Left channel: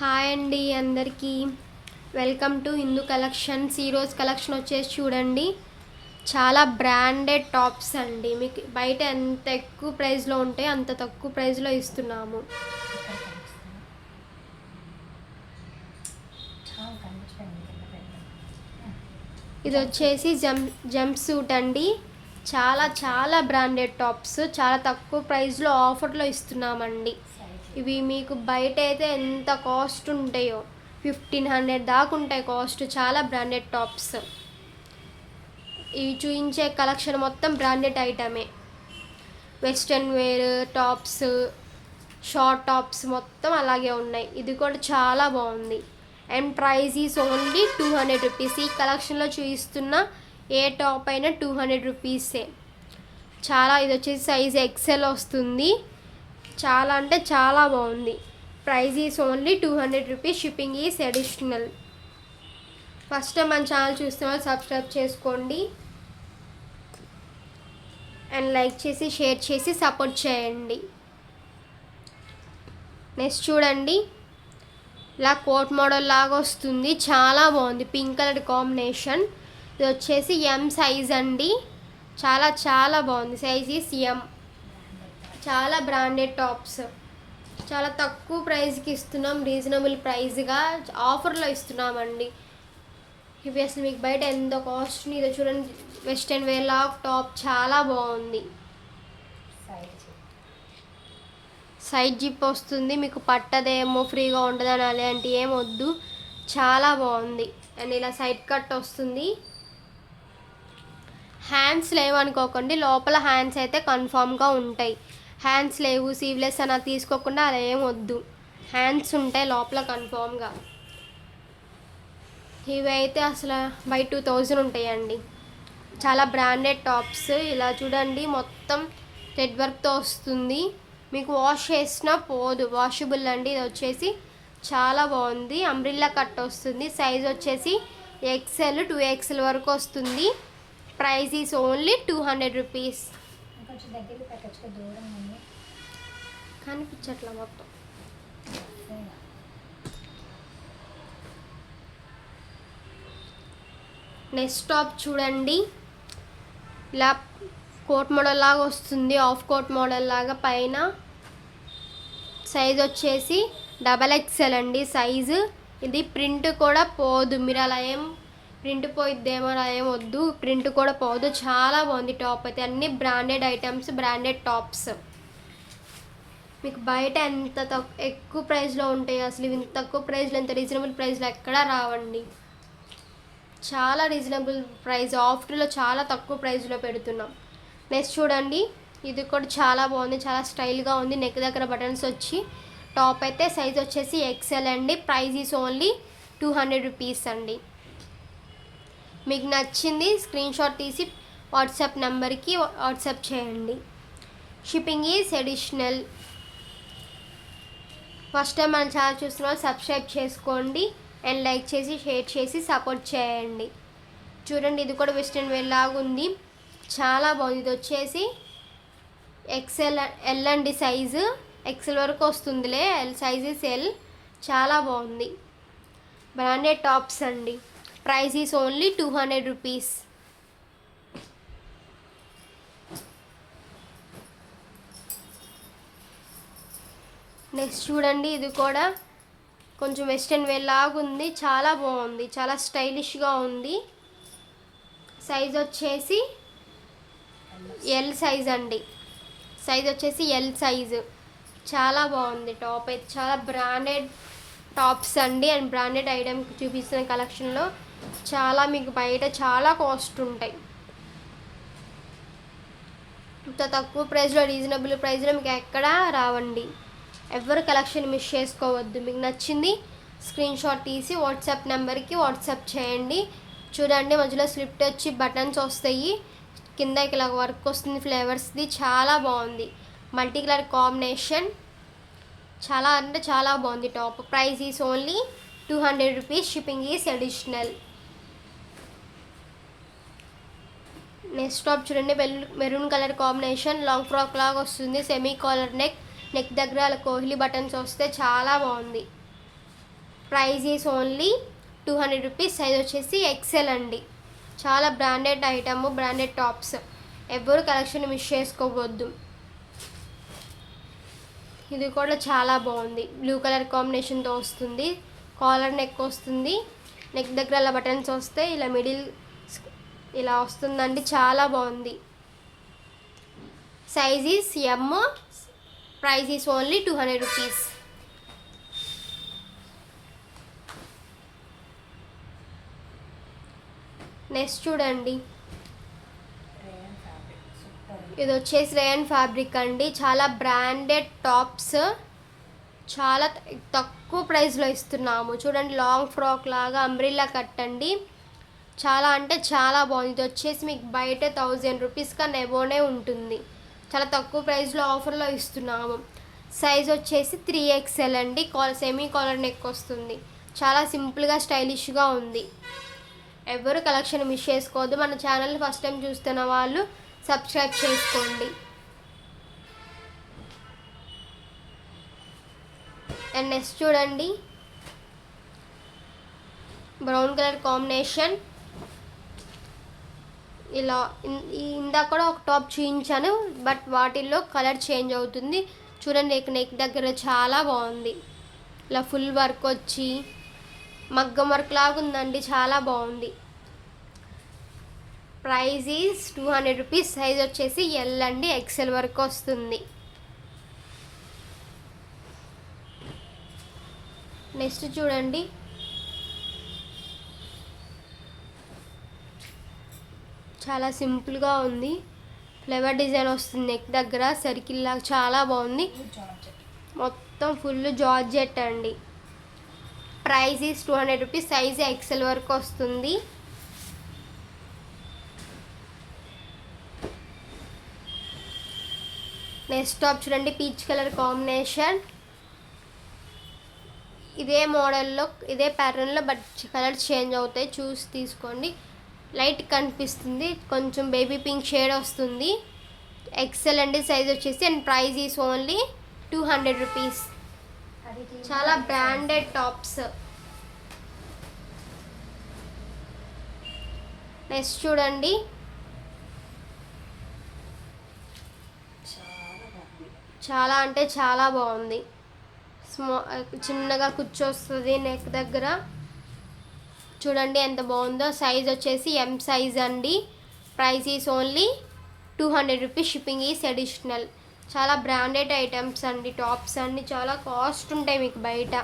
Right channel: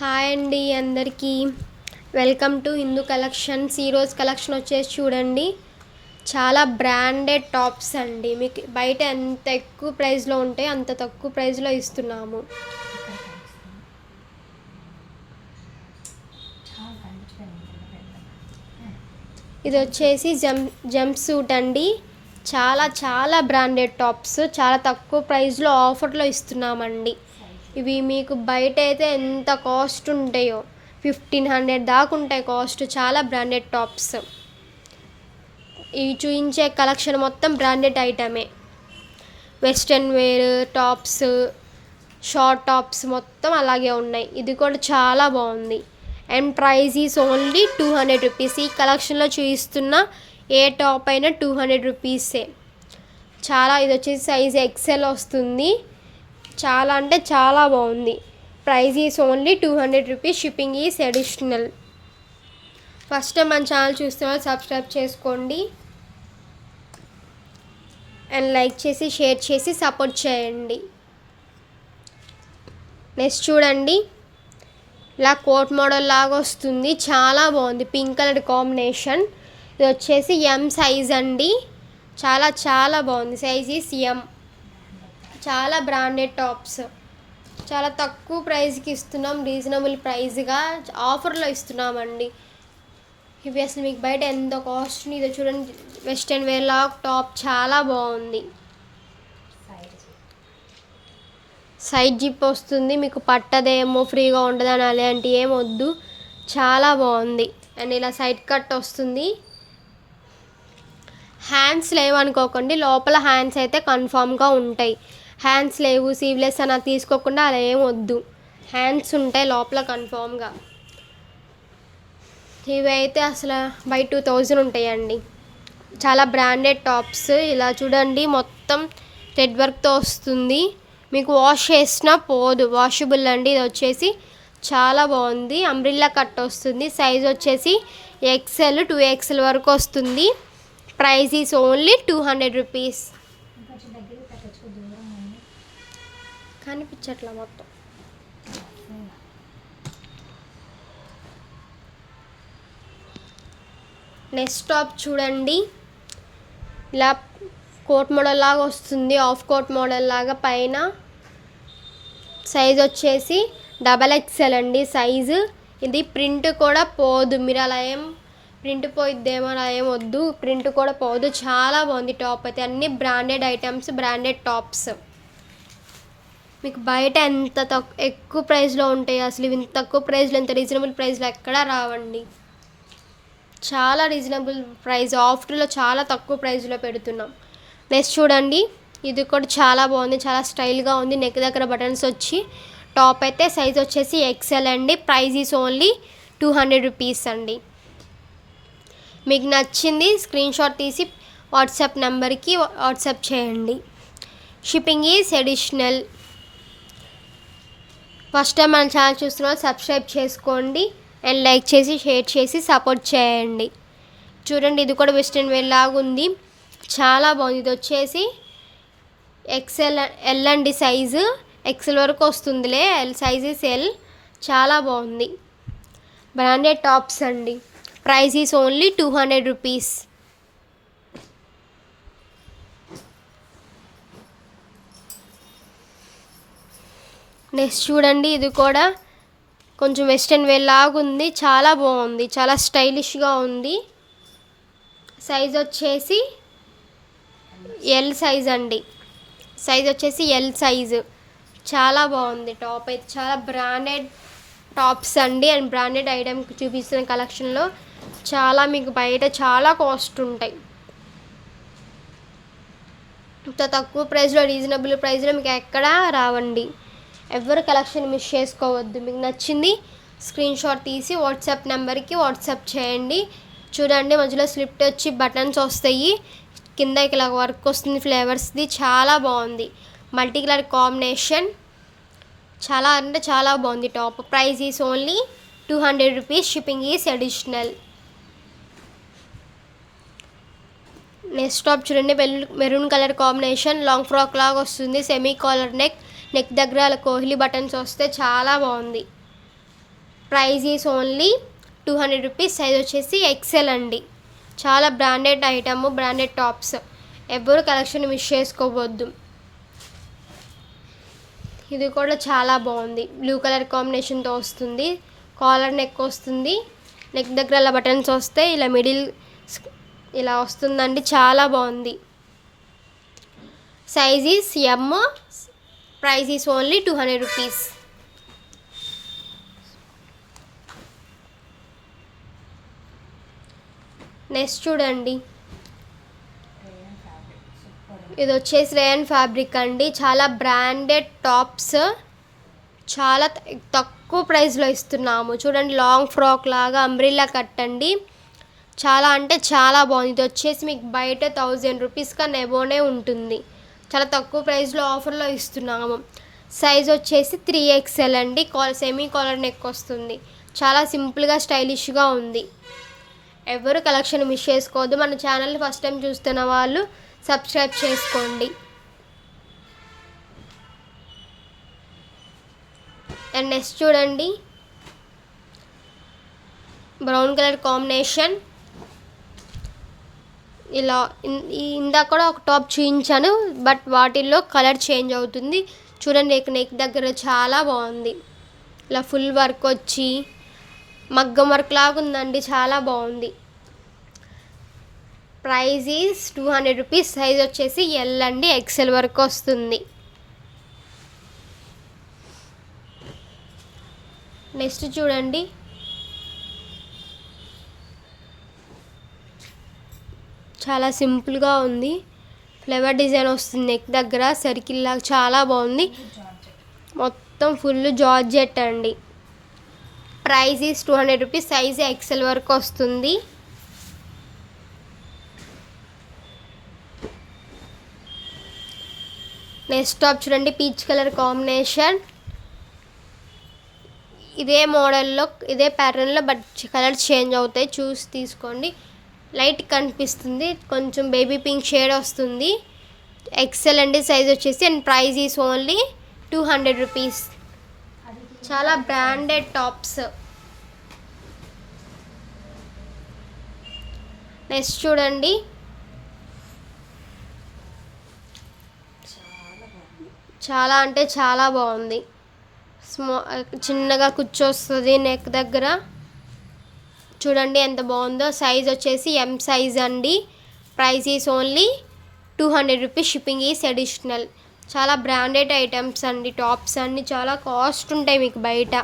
Hi అండి అందరికీ welcome to Hindu collections. ఈరోజు కలెక్షన్ వచ్చేసి చూడండి, చాలా బ్రాండెడ్ టాప్స్ అండి. మీకు బయట ఎంత ఎక్కువ ప్రైస్లో ఉంటాయో అంత తక్కువ ప్రైస్లో ఇస్తున్నాము. ఇది వచ్చేసి జంప్ సూట్ అండి. చాలా బ్రాండెడ్ టాప్స్ చాలా తక్కువ ప్రైస్లో ఆఫర్లో ఇస్తున్నామండి. ఇవి మీకు బయట అయితే ఎంత కాస్ట్ ఉంటాయో 1500 దాకా ఉంటాయి కాస్ట్. చాలా బ్రాండెడ్ టాప్స్. ఇవి చూపించే కలెక్షన్ మొత్తం బ్రాండెడ్ ఐటమే. Western wear tops, short tops మొత్తం అలాగే ఉన్నాయి. ఇది కూడా చాలా బాగుంది. And price is only 200 rupees. ఈ కలెక్షన్లో చూపిస్తున్న ఏ టాప్ అయినా 200 రూపీసే. ఇది వచ్చేసి సైజ్ ఎక్సెల్ వస్తుంది. చాలా అంటే చాలా బాగుంది. Price is only 200 rupees. Shipping is additional. First time మన ఛానల్ చూస్తున్నా సబ్స్క్రైబ్ చేసుకోండి అండ్ లైక్ చేసి షేర్ చేసి సపోర్ట్ చేయండి. నెక్స్ట్ చూడండి, ఇలా కోట్ మోడల్ లాగా వస్తుంది. చాలా బాగుంది. Pink colour combination. ఇది వచ్చేసి ఎం సైజ్ అండి. చాలా బాగుంది. సైజ్ ఈస్ ఎం. చాలా బ్రాండెడ్ టాప్స్. చాలా తక్కువ ప్రైస్కి ఇస్తున్నాం. రీజనబుల్ ప్రైస్గా ఆఫర్లో ఇస్తున్నామండి. ఇవి అసలు మీకు బయట ఎంత కాస్ట్. ఇది చూడండి, వెస్ట్రన్ వేర్ లాగా టాప్ చాలా బాగుంది. సైడ్ జిప్ వస్తుంది. మీకు పట్టదేమో, ఫ్రీగా ఉండదని అలాంటి ఏం వద్దు. చాలా బాగుంది. అండ్ ఇలా సైడ్ కట్ వస్తుంది. హ్యాండ్స్ లేవనుకోకండి, లోపల హ్యాండ్స్ అయితే కన్ఫామ్గా ఉంటాయి. హ్యాండ్స్ లేవు, సీవ్లెస్ అని తీసుకోకుండా అలా ఏం వద్దు. హ్యాండ్స్ ఉంటాయి లోపల కన్ఫామ్గా. ఇవి అయితే అసలు బై 2000 ఉంటాయండి. చాలా బ్రాండెడ్ టాప్స్. ఇలా చూడండి, మొత్తం థ్రెడ్ వర్క్తో వస్తుంది. మీకు వాష్ చేసినా పోదు, వాషబుల్ అండి. ఇది వచ్చేసి చాలా బాగుంది. అంబ్రిల్లా కట్ వస్తుంది. సైజ్ వచ్చేసి ఎక్సెల్ 2XL వరకు వస్తుంది. Price is only 200 rupees. కనిపించట్లా మొత్తం. నెక్స్ట్ టాప్ చూడండి, ఇలా కోట్ మోడల్ లాగా వస్తుంది. ఆఫ్ కోట్ మోడల్ లాగా పైన. సైజ్ వచ్చేసి XXL అండి సైజు. ఇది ప్రింట్ కూడా పోదు. మీరు అలా ఏం ప్రింట్ పోయిద్దేమో అలా ఏం వద్దు. ప్రింట్ కూడా పోదు. చాలా బాగుంది టాప్ అయితే. అన్ని బ్రాండెడ్ ఐటమ్స్, బ్రాండెడ్ టాప్స్. మీకు బయట ఎంత ఎక్కువ ప్రైస్లో ఉంటాయి. అసలు ఇంత తక్కువ ప్రైస్లో, ఇంత రీజనబుల్ ప్రైస్లో ఎక్కడా రావండి. చాలా రీజనబుల్ ప్రైస్. ఆఫర్లో చాలా తక్కువ ప్రైస్లో పెడుతున్నాం. నెక్స్ట్ చూడండి, ఇది కూడా చాలా బాగుంది. చాలా స్టైల్గా ఉంది. నెక్ దగ్గర బటన్స్ వచ్చి టాప్ అయితే సైజ్ వచ్చేసి ఎక్సెల్ అండి. ప్రైస్ ఈస్ ఓన్లీ 200 రూపీస్ అండి. మీకు నచ్చింది స్క్రీన్ షాట్ తీసి వాట్సాప్ నెంబర్కి వాట్సాప్ చేయండి. Shipping is additional. First time మన ఛానల్ చూస్తున్న సబ్స్క్రైబ్ చేసుకోండి అండ్ లైక్ చేసి షేర్ చేసి సపోర్ట్ చేయండి. చూడండి, ఇది కూడా వెస్ట్రన్ వేర్ లాగా ఉంది. చాలా బాగుంది. ఇది వచ్చేసి ఎల్ అండి సైజు. ఎక్సెల్ వరకు వస్తుందిలే. Sizes L. చాలా బాగుంది. బ్రాండెడ్ టాప్స్ అండి. Price is only 200 rupees. Next చూడండి, ఇది కూడా కొంచెం వెస్ట్రన్ వేర్ లాగా ఉంది. చాలా బాగుంది. చాలా స్టైలిష్గా ఉంది. సైజ్ వచ్చేసి ఎల్ సైజ్ అండి. సైజ్ వచ్చేసి ఎల్ సైజు. చాలా బాగుంది టాప్ అయితే. చాలా బ్రాండెడ్ టాప్స్ అండి. అండ్ బ్రాండెడ్ ఐటమ్ చూపిస్తున్న కలెక్షన్లో చాలా మీకు బయట చాలా కాస్ట్ ఉంటాయి. ఇంత తక్కువ ప్రైస్లో, రీజనబుల్ ప్రైస్లో మీకు ఎక్కడా రావండి. ఎవరు కలెక్షన్ మిస్ చేసుకోవద్దు. మీకు నచ్చింది స్క్రీన్ షాట్ తీసి వాట్సాప్ నెంబర్కి వాట్సాప్ చేయండి. చూడండి, మధ్యలో స్లిప్ వచ్చి బటన్స్ వస్తాయి. కింద ఇలా వర్క్ వస్తుంది ఫ్లేవర్స్ది. చాలా బాగుంది. Multi colour combination. చాలా అంటే చాలా బాగుంది top. Price is only 200 rupees. Shipping is additional. Next top చూడండి, maroon colour combination. Long frock లాగా వస్తుంది. Semi collar neck. నెక్ దగ్గర కోహ్లీ బటన్స్ వస్తే చాలా బాగుంది. Price is only 200 rupees. Size వచ్చేసి ఎక్సెల్ అండి. చాలా బ్రాండెడ్ ఐటమ్, బ్రాండెడ్ టాప్స్. ఎవరు కలెక్షన్ మిస్ చేసుకోవద్దు. ఇది కూడా చాలా బాగుంది. బ్లూ కలర్ కాంబినేషన్తో వస్తుంది. కాలర్ నెక్ వస్తుంది. నెక్ దగ్గర ఇలా బటన్స్ వస్తాయి. ఇలా మిడిల్ ఇలా వస్తుందండి. చాలా బాగుంది. Size is M. Price is only 200 rupees. Next చూడండి, ఇది వచ్చేసి రేయన్ ఫ్యాబ్రిక్ అండి. చాలా బ్రాండెడ్ టాప్స్, చాలా తక్కువ ప్రైస్లో ఇస్తున్నాము. చూడండి, లాంగ్ ఫ్రాక్ లాగా అంబ్రిల్లా కట్ అండి. చాలా అంటే చాలా బాగుంది. ఇది వచ్చేసి మీకు బయట 1000 రూపీస్ కన్నా ఎబోనే ఉంటుంది. చాలా తక్కువ ప్రైస్లో ఆఫర్లో ఇస్తున్నాము. సైజ్ వచ్చేసి 3XL అండి. సెమీ కాలర్ నెక్ వస్తుంది. చాలా సింపుల్గా స్టైలిష్గా ఉంది. ఎవరు కలెక్షన్ మిస్ చేసుకోవద్దు. మన ఛానల్ని ఫస్ట్ టైం చూస్తున్న వాళ్ళు సబ్స్క్రైబ్ చేసుకోండి. అండ్ నెక్స్ట్ చూడండి, బ్రౌన్ కలర్ కాంబినేషన్. ఇలా ఇందాక కూడా ఒక టాప్ చూపించాను, బట్ వాటిల్లో కలర్ చేంజ్ అవుతుంది. చూడండి, నెక్ దగ్గర చాలా బాగుంది. ఇలా ఫుల్ వర్క్ వచ్చి మగ్గం వర్క్ లాగా ఉందండి. చాలా బాగుంది. Price is 200 rupees. సైజ్ వచ్చేసి ఎల్ అండి. ఎక్సెల్ వరకు వస్తుంది. నెక్స్ట్ చూడండి, చాలా సింపుల్గా ఉంది. ఫ్లవర్ డిజైన్ వస్తుంది నెక్ దగ్గర, సర్కిల్ లాగా. చాలా బాగుంది. మొత్తం ఫుల్ జార్జెట్ అండి. Price is 200 rupees. Size XL వరకు వస్తుంది. నెక్స్ట్ టాప్ చూడండి, పీచ్ కలర్ కాంబినేషన్. ఇదే మోడల్లో, ఇదే ప్యాటర్న్లో, బట్ కలర్ చేంజ్ అవుతాయి. చూసి తీసుకోండి. లైట్ కనిపిస్తుంది, కొంచెం బేబీ పింక్ షేడ్ వస్తుంది. ఎక్సెల్ అండి సైజ్ వచ్చేసి. And price is only 200 rupees. చాలా బ్రాండెడ్ టాప్స్. నెక్స్ట్ చూడండి, చాలా అంటే చాలా బాగుంది. చిన్నగా కూర్చొస్తుంది నెక్ దగ్గర. చూడండి ఎంత బాగుందో. సైజ్ వచ్చేసి ఎం సైజ్ అండి. Price is only 200 rupees. Shipping is additional. చాలా బ్రాండెడ్ ఐటమ్స్ అండి. టాప్స్ అన్నీ చాలా కాస్ట్ ఉంటాయి మీకు బయట.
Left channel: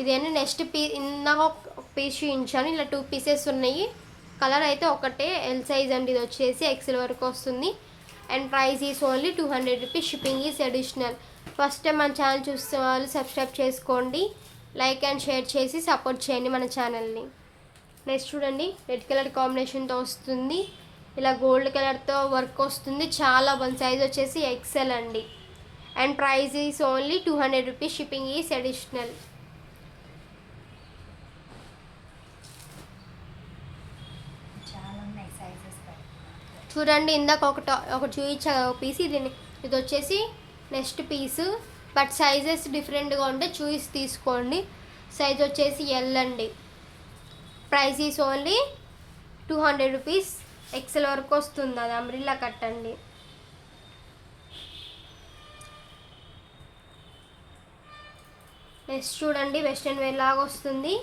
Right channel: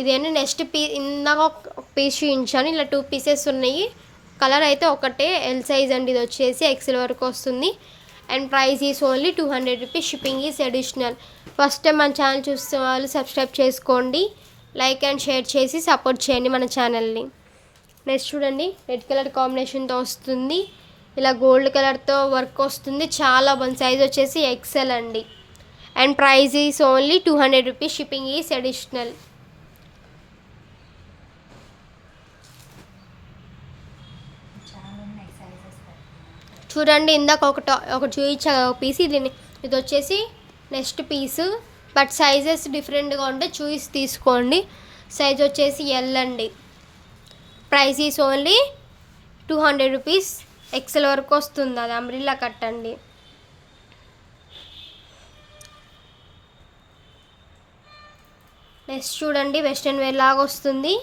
ఇదేనా నెక్స్ట్ ఇందాక ఒక పీస్ చూపించాను. ఇలా 2 పీసెస్ ఉన్నాయి. కలర్ అయితే ఒకటే, ఎల్ సైజ్ అండి. ఇది వచ్చేసి ఎక్సెల్ వరకు వస్తుంది. And price is only 200 rupees. Shipping is additional. First time మన ఛానల్ చూస్తే వాళ్ళు సబ్స్క్రైబ్ చేసుకోండి. లైక్ అండ్ షేర్ చేసి సపోర్ట్ చేయండి మన ఛానల్ని. నెక్స్ట్ చూడండి, రెడ్ కలర్ కాంబినేషన్తో వస్తుంది. ఇలా గోల్డ్ కలర్తో వర్క్ వస్తుంది. చాలా బాగుంది. సైజ్ వచ్చేసి ఎక్సెల్ అండి. And price is only 200 rupees. Shipping is additional. చూడండి, ఇందాక ఒక చూపించా ఒక పీస్. ఇది వచ్చేసి నెక్స్ట్ పీసు, బట్ సైజెస్ డిఫరెంట్గా ఉంటే చూసి తీసుకోండి. సైజ్ వచ్చేసి ఎల్ అండి. Price is only 200 rupees. XL వరకు వస్తుంది. అది అంబ్రిల్లా కట్ అండి. నెక్స్ట్ చూడండి, వెస్ట్రన్ వేర్ లాగా వస్తుంది.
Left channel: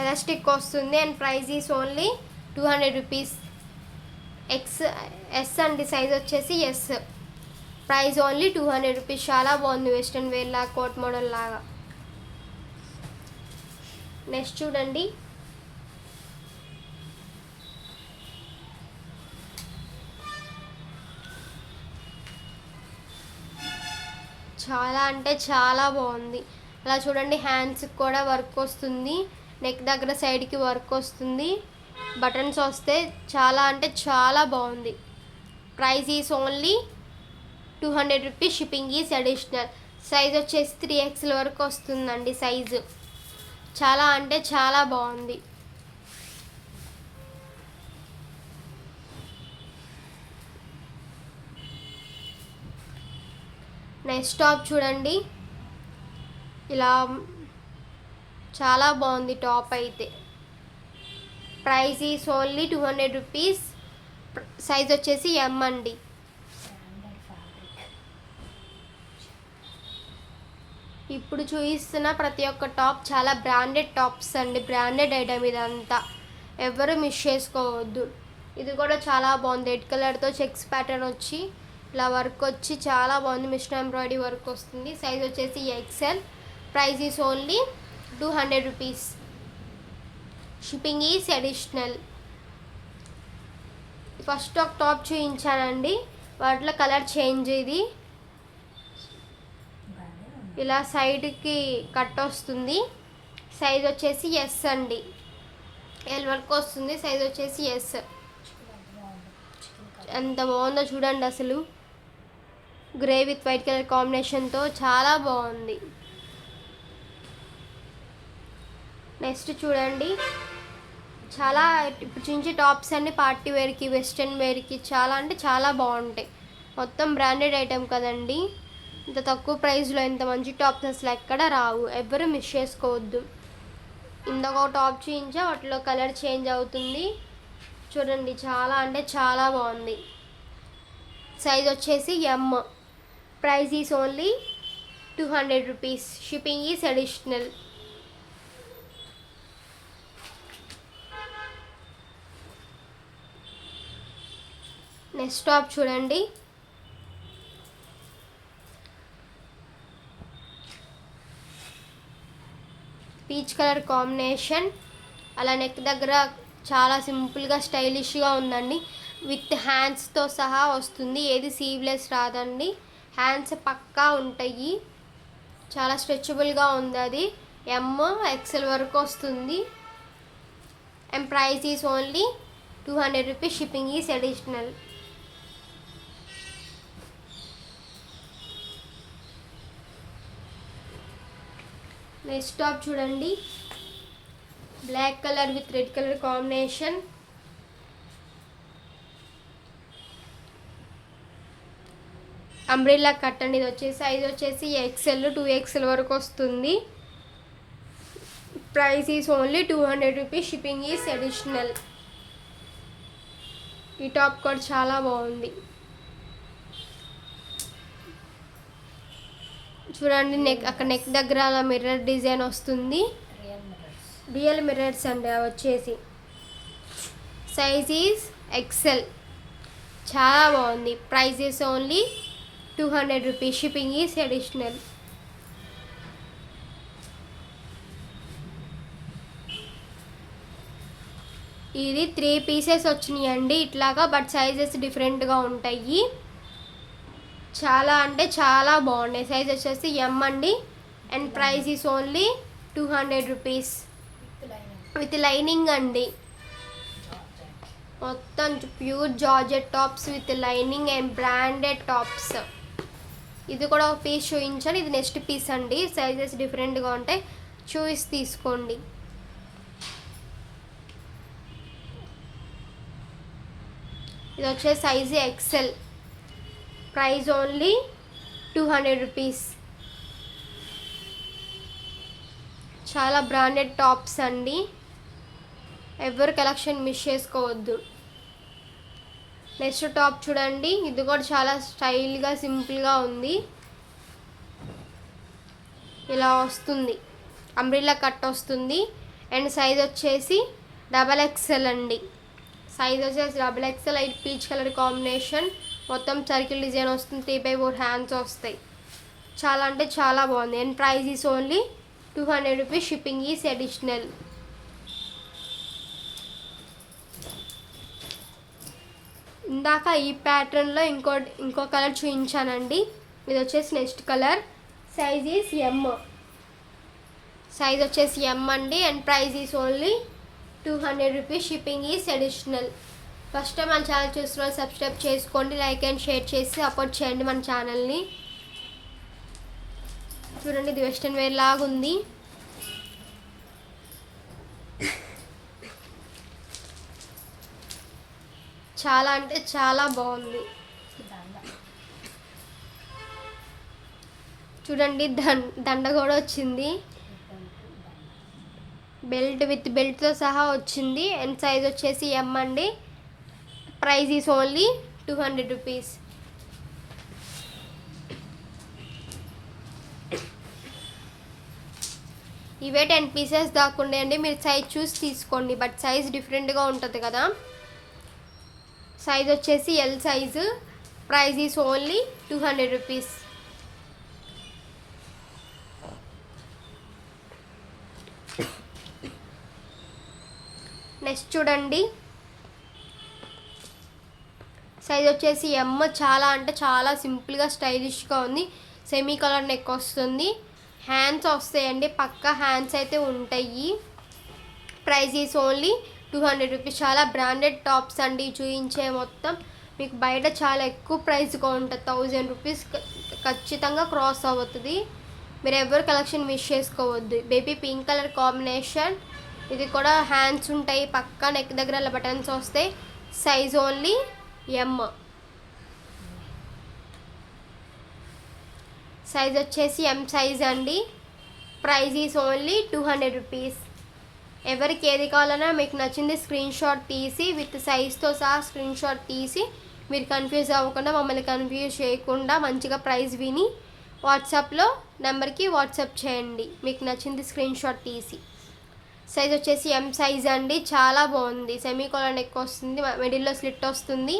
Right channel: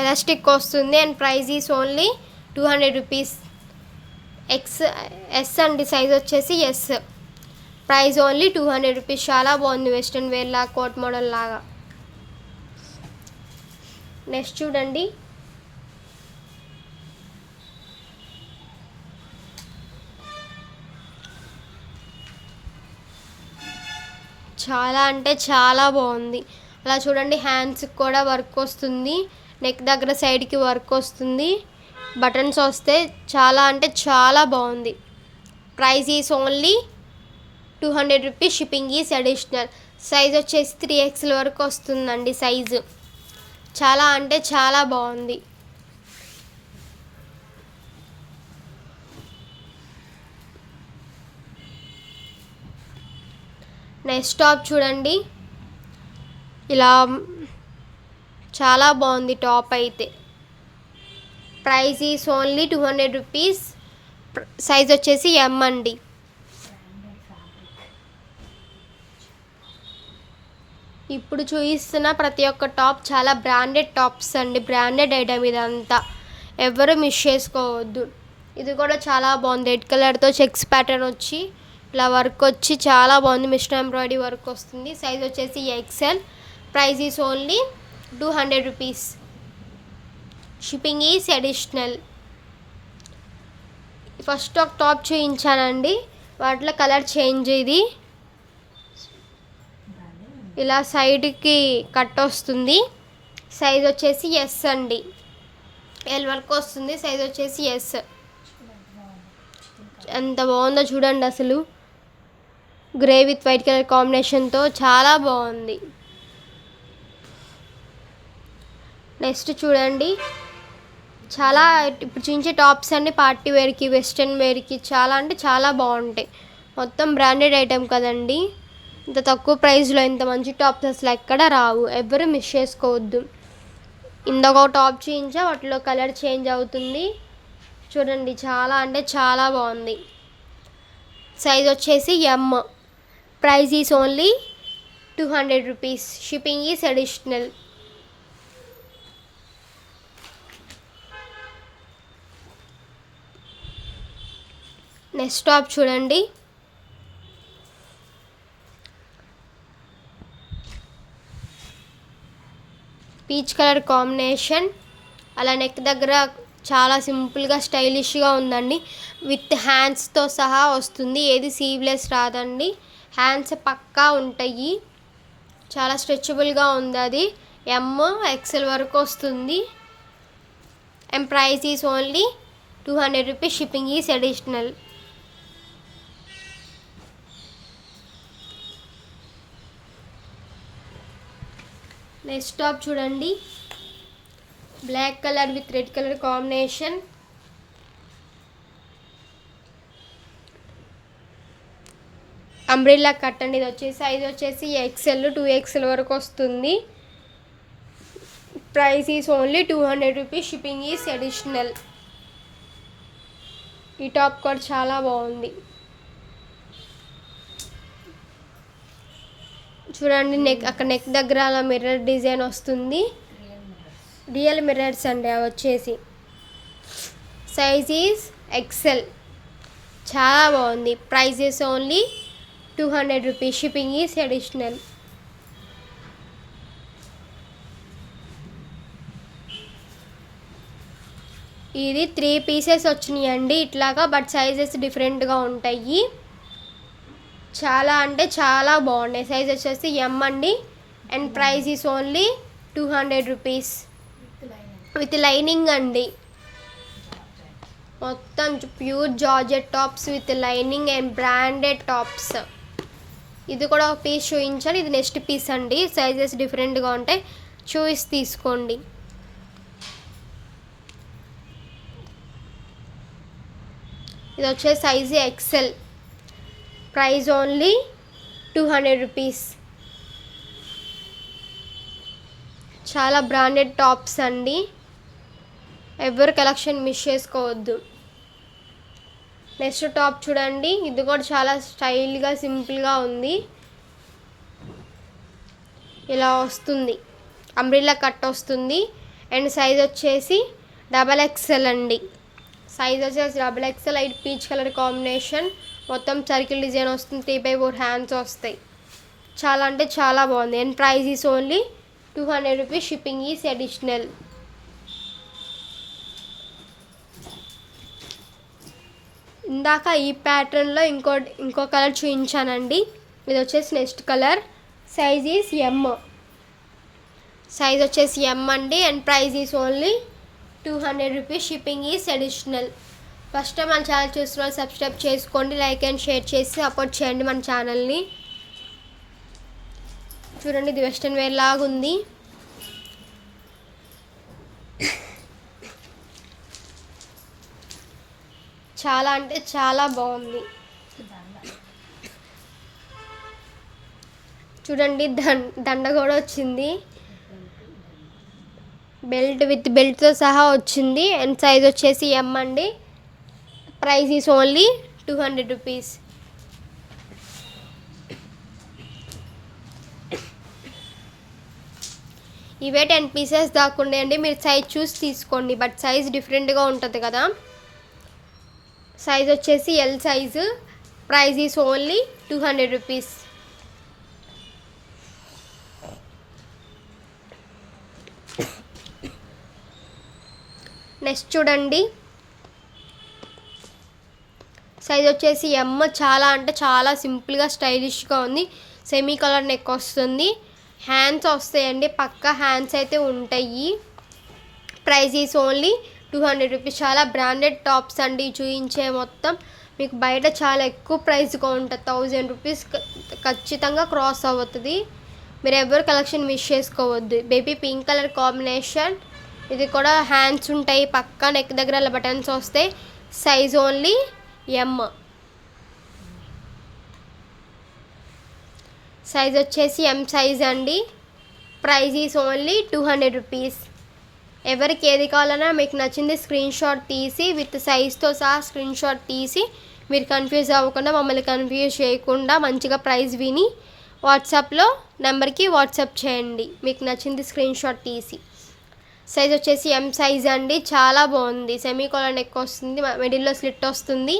ఎలాస్టిక్ వస్తుంది. And price is only 200 rupees. S అండి. సైజ్ వచ్చేసి ఎస్. Price only 200 rupees. చాలా బాగుంది. వెస్ట్రన్ వేర్ లాగా, కోట్ మోడల్ లాగా. నెక్స్ట్ చూడండి, చాలా అంటే చాలా బాగుంది. అలా చూడండి, హ్యాండ్స్కి కూడా వర్క్ వస్తుంది. నెక్ దగ్గర సైడ్కి వర్క్ వస్తుంది. బటన్స్ వస్తే చాలా అంటే చాలా బాగుంది. Price is only 200 rupees. Shipping is additional. Size వచ్చేసి 3XL వరకు వస్తుందండి సైజు. చాలా అంటే చాలా బాగుంది. నెక్స్ట్ టాప్ చూడండి, ఇలా చాలా బాగుంది టాప్ అయితే. Price is only 200 rupees. Size వచ్చేసి ఎం అండి. ఇప్పుడు చూపిస్తున్న ప్రతి ఒక్క టాప్ చాలా బ్రాండెడ్ టాప్స్ అండి, బ్రాండెడ్ ఐటమ్ ఇదంతా, ఎవరు మిస్ చేసుకోవద్దు. ఇది కూడా చాలా బాగుంది, రెడ్ కలర్తో చెక్స్ ప్యాటర్న్ వచ్చి ఇలా వర్క్ వచ్చి చాలా బాగుంది, మిషన్ ఎంబ్రాయిడరీ వర్క్ వస్తుంది. సైజ్ వచ్చేసి XL. Price is only 200 rupees. Shipping is additional. First ఒక టాప్ చూపించానండి, వాటిలో కలర్ చేంజ్. ఇది ఇలా సైడ్కి కట్ వస్తుంది. సైజ్ వచ్చేసి ఎస్ అండి, ఎల్ వరకు వస్తుంది. సైజ్ వచ్చేసి ఎస్. ఎంత బాగుందో చూడండి అసలు, గ్రే విత్ వైట్ కలర్ కాంబినేషన్తో చాలా బాగుంది. నెక్స్ట్ చూడండి, చాలా ఇప్పుడు చూపించే టాప్స్ అన్ని పార్టీ వేర్కి, వెస్ట్రన్ వేర్కి చాలా అంటే చాలా బాగుంటాయి. మొత్తం బ్రాండెడ్ ఐటెం కదండి, ఇంత తక్కువ ప్రైస్లో ఇంత మంచి టాప్స్ అసలు ఎక్కడ రావు, ఎవరు మిస్ చేసుకోవద్దు. ఇందాక టాప్ చూపించా, వాటిలో కలర్ చేంజ్ అవుతుంది చూడండి, చాలా అంటే చాలా బాగుంది. సైజ్ వచ్చేసి M. Price is only 200 rupees. Shipping is additional. Next top చూడండి, పీచ్ కలర్ కాంబినేషన్, అలా నెక్ దగ్గర చాలా సింపుల్గా స్టైలిష్గా ఉందండి. విత్ హ్యాండ్స్తో సహా వస్తుంది, ఏది సీవ్లెస్ రాదండి, హ్యాండ్స్ పక్కా ఉంటాయి. చాలా స్ట్రెచబుల్గా ఉంది. అది ఎమ్ ఎక్సెల్ వరకు వస్తుంది. And price is only 200 rupees. Shipping is additional. Next top చూడండి, black colour with red colour combination. Umbrella cut అండి. ఇది వచ్చేసి సైజ్ వచ్చేసి ఎక్సెల్ 2XL వరకు వస్తుంది. Price is only 200 rupees. Shipping is additional. ఈ టాప్ కూడా చాలా బాగుంది చూడండి. అక్కడ నెక్ దగ్గర అలా మిర్రర్ డిజైన్ వస్తుంది, రియల్ మిర్రర్స్ అండి అవి వచ్చేసి. Size is XL. చాలా బాగుంది. Price is only 200 rupees. Shipping is additional. ఇది 3 పీసెస్ వచ్చినాయి అండి ఇట్లాగా, బట్ సైజెస్ డిఫరెంట్గా ఉంటాయి. చాలా అంటే చాలా బాగున్నాయి. సైజ్ వచ్చేసి ఎమ్ అండి. And price is only 200 rupees. With lining అండి, మొత్తం pure georgette tops with lining and branded tops. ఇది కూడా ఒక పీస్ చూపించాను, ఇది నెక్స్ట్ పీస్ అండి. సైజెస్ డిఫరెంట్గా ఉంటాయి, చూసి తీసుకోండి. ఇది వచ్చే size XL. Price only 200 rupees. చాలా బ్రాండెడ్ టాప్స్ అండి, ఎవరు కలెక్షన్ మిస్ చేసుకోవద్దు. నెక్స్ట్ టాప్ చూడండి, ఇది కూడా చాలా స్టైల్గా సింపుల్గా ఉంది. ఇలా వస్తుంది, అంబ్రెల్లా కట్ వస్తుంది. అండ్ సైజ్ వచ్చేసి XXL అండి. సైజ్ వచ్చేసి XXL. Light peach colour combination, మొత్తం సర్కిల్ డిజైన్ వస్తుంది. 3/4 హ్యాండ్స్ వస్తాయి. చాలా అంటే చాలా బాగుంది. And price is only 200 rupees. Shipping is additional. ఇందాక ఈ ప్యాటర్న్లో ఇంకో కలర్ చూపించానండి, ఇది వచ్చేసి next colour. Size is M. Size వచ్చేసి ఎమ్ అండి. And price is only 200 rupees. Shipping is additional. First time మన ఛానల్ చూస్తున్న సబ్స్క్రైబ్ చేసుకోండి, లైక్ అండ్ షేర్ చేసి సపోర్ట్ చేయండి మన ఛానల్ని. చూడండి, ఇది వెస్ట్రన్ వేర్ లాగా ఉంది. చాలా అంటే చాలా బాగుంది. చూడండి దండ కూడా వచ్చింది, విత్ బెల్ట్తో సహా వచ్చింది. అండ్ సైజ్ వచ్చేసి ఎం అండి. Price is only 200 rupees. ఇవే 10 పీసెస్ దాకా అండి, మీరు సైజ్ చూసి తీసుకోండి. బట్ సైజ్ డిఫరెంట్గా ఉంటుంది కదా. సైజ్ వచ్చేసి L size. Price is only 200 rupees. Next చూడండి, సైజ్ వచ్చేసి ఎమ్. చాలా అంటే చాలా సింపుల్గా స్టైలిష్గా ఉంది. సెమీ కలర్ నెక్ వస్తుంది, హ్యాండ్స్ వస్తాయండి, పక్క హ్యాండ్స్ అయితే ఉంటాయి. Price is only 200 rupees. చాలా బ్రాండెడ్ టాప్స్ అండి చూపించే మొత్తం. మీకు బయట చాలా ఎక్కువ ప్రైస్గా ఉంటుంది, 1000 రూపీస్ ఖచ్చితంగా క్రాస్ అవుతుంది. మీరు ఎవరు కలెక్షన్ మిస్ చేసుకోవద్దు. Baby pink colour combination. ఇది కూడా హ్యాండ్స్ ఉంటాయి, పక్క నెక్ దగ్గర అలా బటన్స్ వస్తాయి. సైజ్ ఓన్లీ ఎమ్. సైజ్ వచ్చేసి ఎం సైజ్ అండి. Price is only 200 rupees. ఎవరికి ఏది కావాలన్నా మీకు నచ్చింది స్క్రీన్ షాట్ తీసి విత్ సైజ్తో సహా స్క్రీన్ షాట్ తీసి, మీరు కన్ఫ్యూజ్ అవ్వకుండా, మమ్మల్ని కన్ఫ్యూజ్ చేయకుండా మంచిగా ప్రైస్ విని వాట్సాప్లో నెంబర్కి వాట్సాప్ చేయండి మీకు నచ్చింది స్క్రీన్ షాట్ తీసి. సైజ్ వచ్చేసి ఎం సైజ్ అండి. చాలా బాగుంది, సెమీ కాలర్ నెక్ వస్తుంది, మిడిల్లో స్లిట్ వస్తుంది.